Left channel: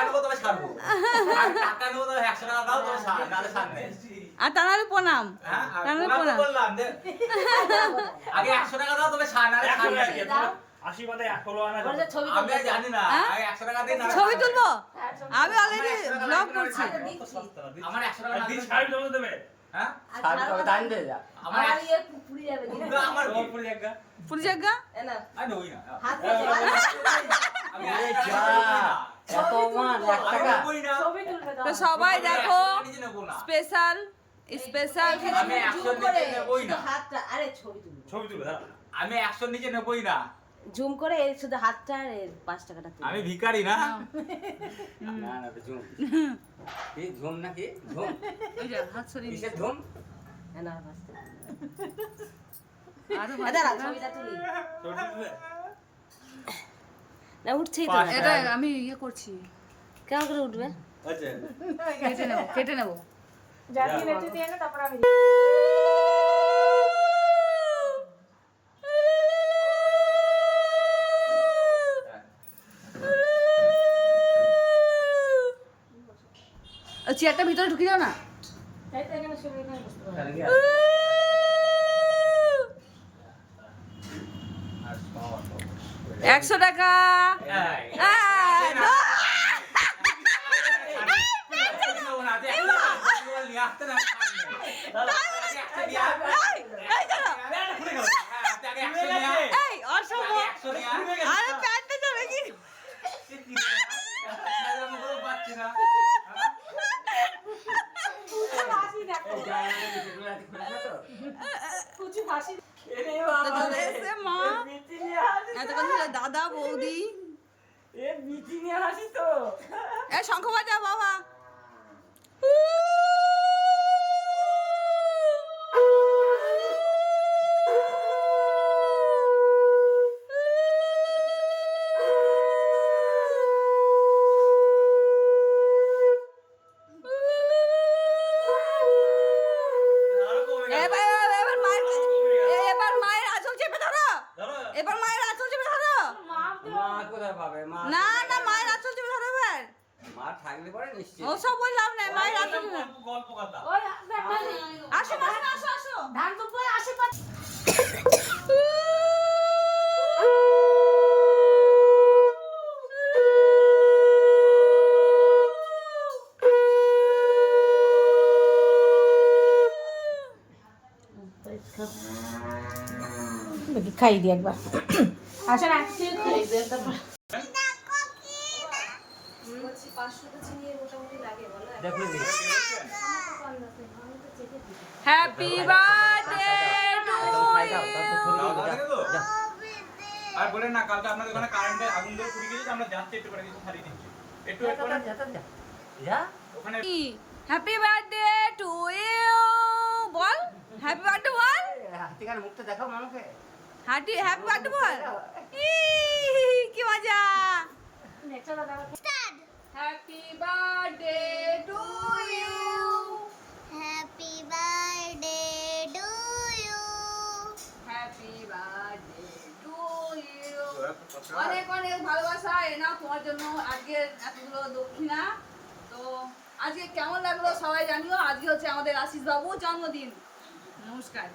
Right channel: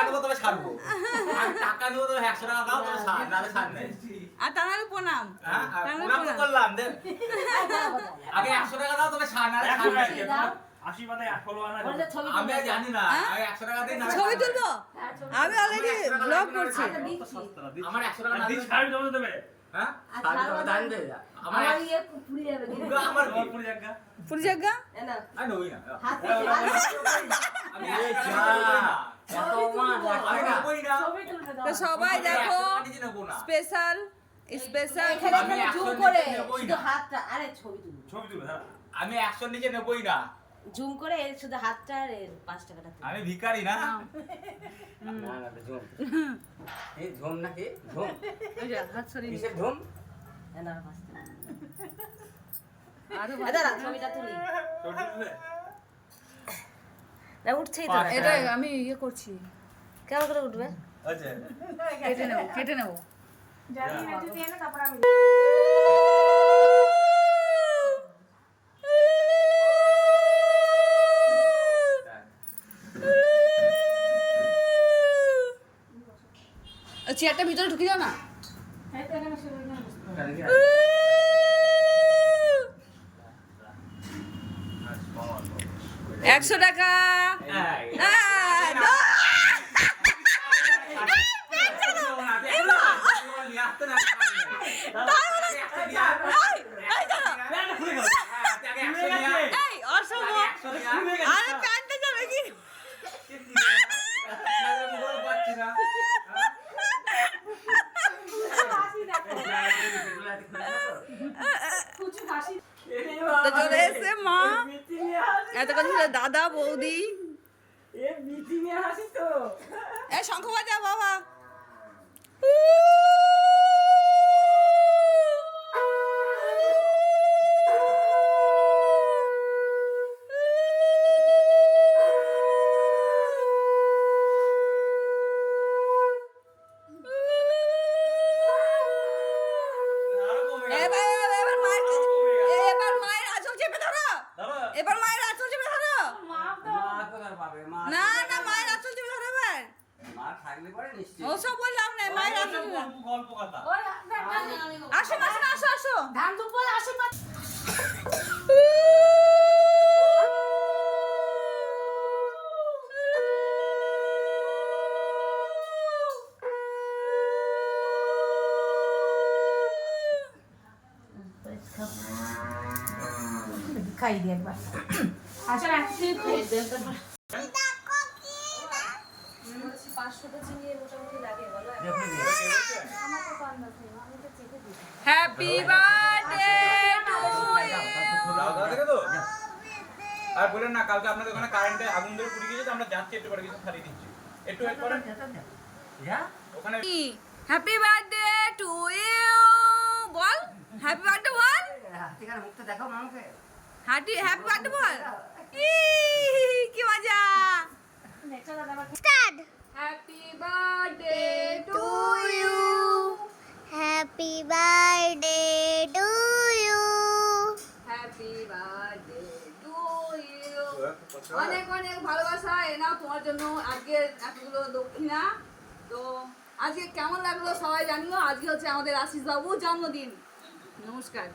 ছাড়বো না তো আমি টাকা নেব তবে ছাড়বো টাকা নেব তবে একশো টাকা দাও তবে ছাড় নাহলে ছাড় নেই আর তাহলে প্রণাম হ্যাঁ আর তাহলে প্রণাম তো করলাম আগে একশো টাকা দাও তবে ছাড় নাহলে ছাড় নেই আশীর্বাদে ফলো আনা ওর যে ছবি আমি আর জানি না হ্যাঁ? আমি একশো টাকা দিই না ছবি তুলবো আমি অলরেডি ব্লগ করছি আমার একশো টাকা হ্যাঁ ইয়ে পুরো জায়গা না, না না। না। তো সবাই দেখো না। স্পেশাল স্পেশাল জুম নিচে না। হাতটা আরে ছবি তুলবে। ছবি তুলবে আমি একশো নিচে নেবই না। জুম করে এর শুধু হাতটা আর এর পাঁচ টাকাটা তুলবে। আমি ভিখারি না। না না ঝুম কি ঝুম নাকি? ঝুম ওই যে হাত সরিয়ে কিসের ঝুম এ না, পাঁচ টাকা। আরও দাঁড়া, ছবিটা তুলি। ছবি তুলবে? না উঠছেই তো না। এটা আমি ইয়ে করছি। কেমন করে উঠবে? আচ্ছা। কেটে নেব কেটে নেব। চেয়ারটা ভিতরে ঢুকে দাও না। একশো টাকা এই। এই, দাও। নিয়ে আসতে না একশো নিয়ে আয়। এই, এই দাঁড়াও। হ্যাঁ, আগে একশো নিয়ে আয়। এই, অসম্ভব। আগে একশো নিয়ে আয়। আরে প্যান্টটা যাবে কি পাচ্ছি না। তো চলে এসে মা। এতক্ষণ ছিল দাদা বৌদি। এ শঙ্খ বাজা বাবা। এবার মায়ের আঁচল চেপে ধরো মা কোথায় পাবে? মা না না মায়ের আঁচল চেপে ধরো এবার। মা থাকলে পরে নিশ্চয় ও সব বললাম না মায়ের আঁচল। গল্প- কথা। আসো আসো আসো। ধান দুপুর পরে খাই দি একবার। না দেখলে হ্যাপি বার্থডে টু তো? আর বলেন না কালকে আপনাদের ওখানে কারেন্টে আগুন ধরে পুড়ে গিয়েছে আমরা যাচ্ছি একটু পরে কিছু দিচ্ছি একটু ওয়েট করেন। ওখানে হ্যাপি বার্থডে টু ইউ বল হ্যাপি বার্থডে বল। মুখটা দেখো মামাকে হাঁটি হ্যাপি বার্থডে বল কি মজা। Happy birthday to you Happy birthday to you. Happy birthday to you অনেক অনেক ভালোবাসা এ নাও তোমার জন্য। আজকে এতগুলো দক্ষিণা। তো আজকে কেমন লাগল সবাই জানিও। আজকে হচ্ছে আমাদের আশিস বাবুর জন্মদিন। নমস্কার।